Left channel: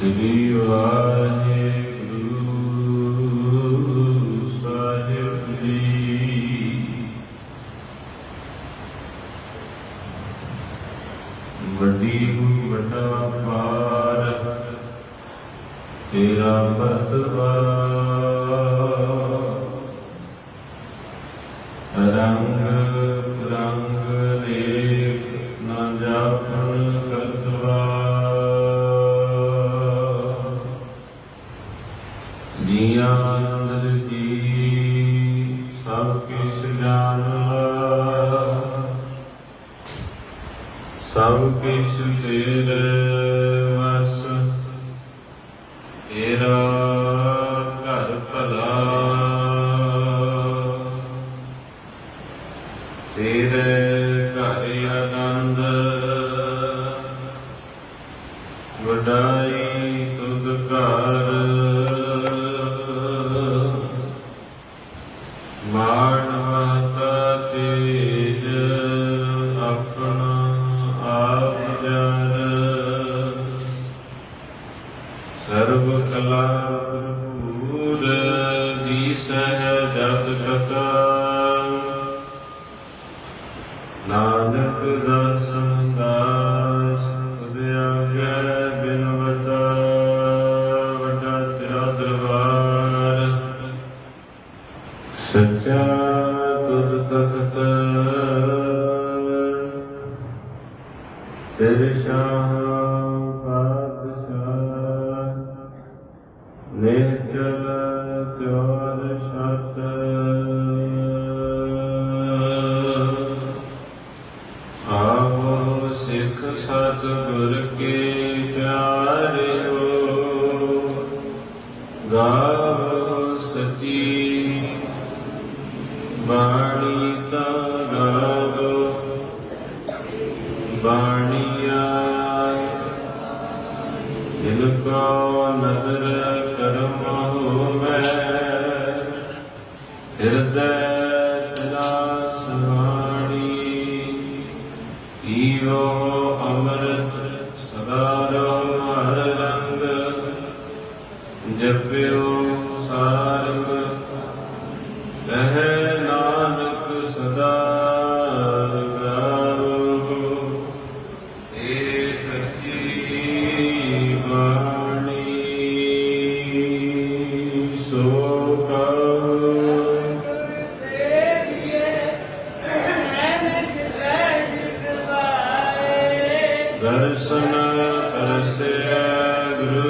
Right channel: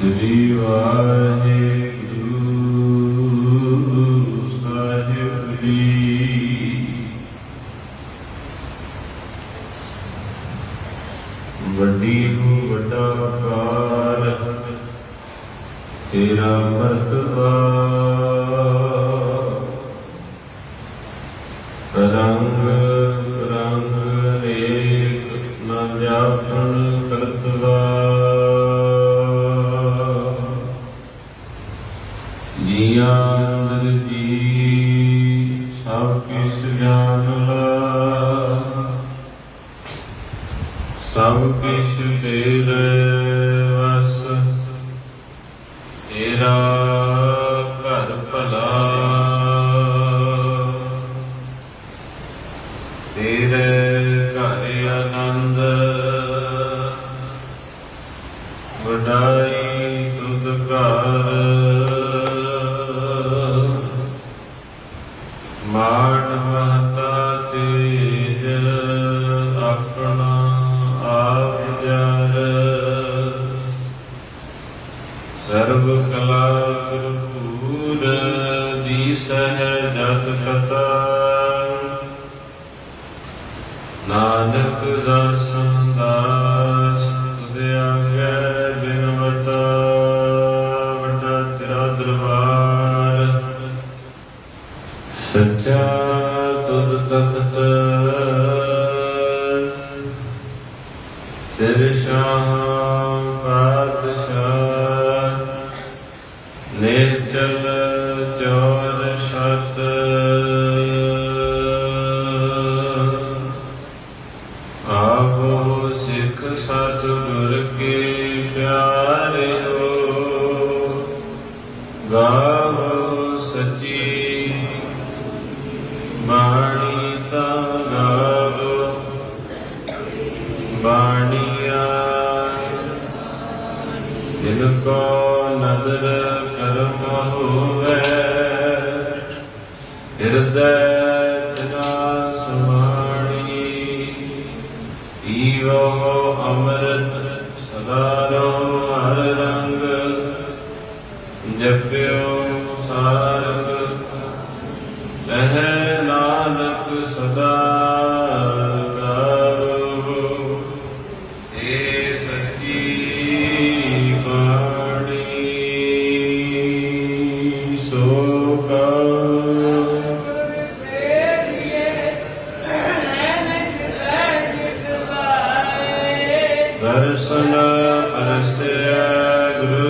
ਸ੍ਰੀ ਵਾਹਿਗੁਰੂ ਸਾਹਿਬ ਜੀ ਵੱਡੀ ਨੂੰ ਵੱਡਾ ਕਾਰ ਤੇਰਾ ਮਰਤਬਾ ਸਭ ਕਿਛ ਤੇਰੇ ਵਸ ਤੇਰਾ ਘਰ ਭਲਾ। ਤੇਰੇ ਘਰ ਆਨੰਦ। ਵਡਾਈ ਤੁਧ ਘਰ। ਮਾਨ ਮਹਤਾ ਤੇਜ ਦੀ ਸਹਿਜਤ ਕਥਾ ਨਾਨਕ ਦਰਸ਼ਨ ਦਾਸ ਤੁਧ ਆਗਿਆ ਬਿਨਵਤਾ ਵੱਡਾ ਤੇਰਾ ਦਰਬਾਰ ਸੱਚਾ ਤੁਧ ਤਖਤ ਸਿਰ ਸ਼ਾਹ ਪਾਤਸ਼ਾਹ ਨਿਰਜਲ ਗਾਵੋ ਸਚੀ ਬਾਣੀ ਤਾ ਗਾਵੋ ਬਾਣੀਆ ਜਿਨ ਕੋ ਨਦਰ ਕਰਮ ਹੋਵੇ ਹਿਰਦੈ ਤਨਾ ਸਮਾਣੀ ਸਦਾ ਰੋ ਹਰ ਰੰਗ ਜਪਿਓ ਸਾਰਗ ਕਹੈ ਨਾਨਕ ਸਦਾ ਗਾਵੋ ਏ ਸੱਚੀ ਬਾਣੀ ਸੋ ਕਉ ਦਰਸ਼ਨ ਪਰਸਿਆ ਗੁਰੂ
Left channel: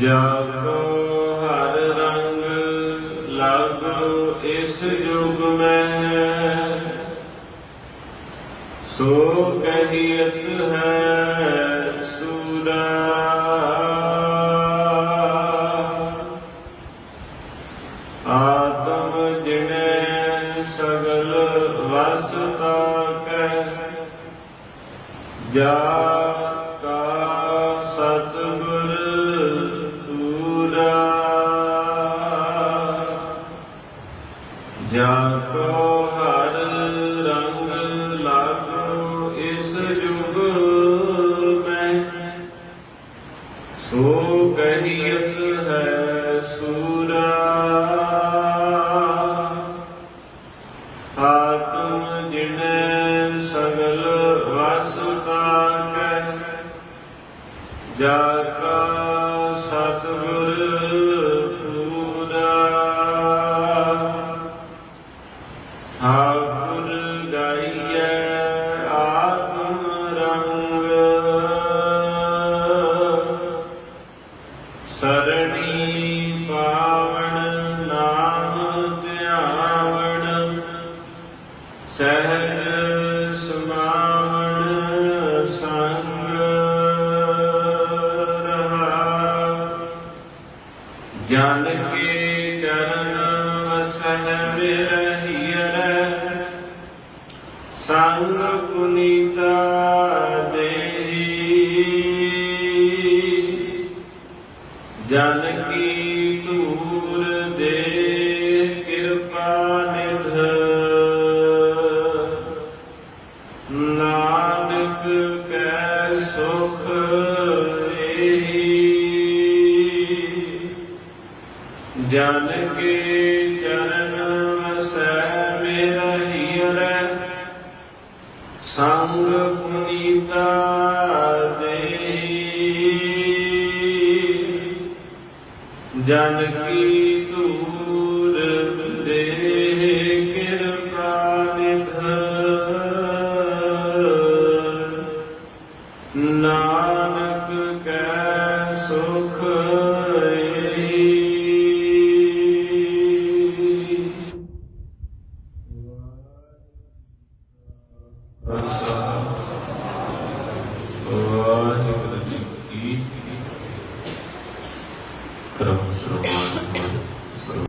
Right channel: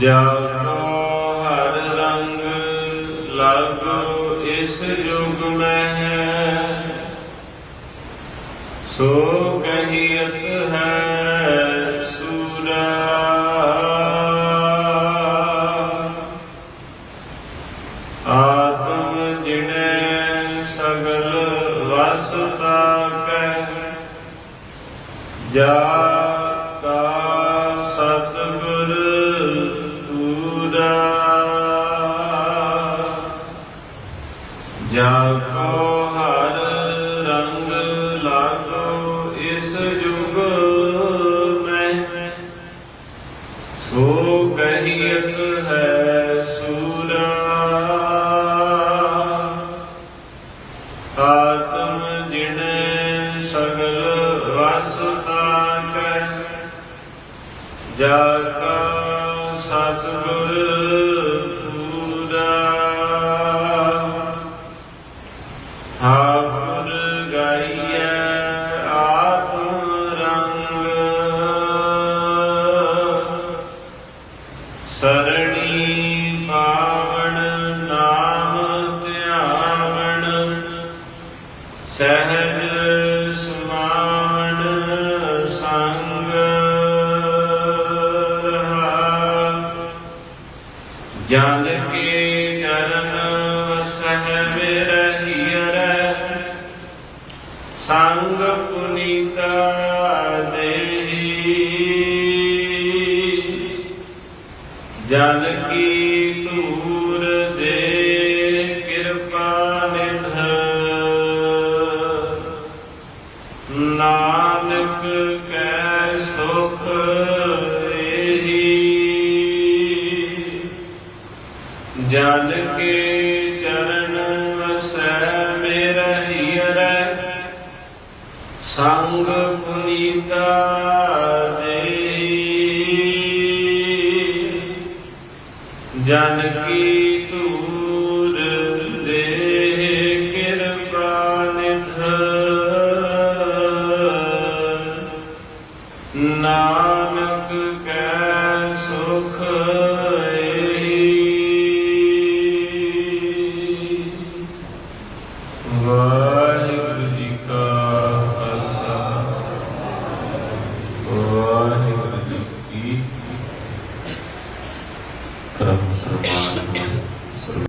ਜਾਗੋ ਹਰ ਰੰਗ ਲਾਗੋ, ਇਸ ਯੁਗ ਮੈਂ। ਸੋ ਕਹੀਤ ਹੈ ਸੂਰਾ। ਆਤਮ ਜਿਨੇ ਸਗਲ ਵਸਤਾ ਕੈ, ਜਾ ਜਾ ਸਰਣੀ ਪਾਵਣ ਨਾਮ ਧਿਆਵਣ ਸਹਿਜ ਸਮਾਵਣ ਸੰਗ ਰਹਾ। ਜਨ ਕੇ ਜਨ ਕੀ ਧੂਰ ਦੇ ਕਿਰਪਾ ਨਿਧ ਨਾਨਕ ਕੈ ਸੁਖ ਏਹੀ ਜਨ ਕੇ ਚਰਨ ਵਸੈ ਮੇਰਾ ਹੀਰੈ ਸੰਗ ਪੁਨੀਤਾ ਜਨ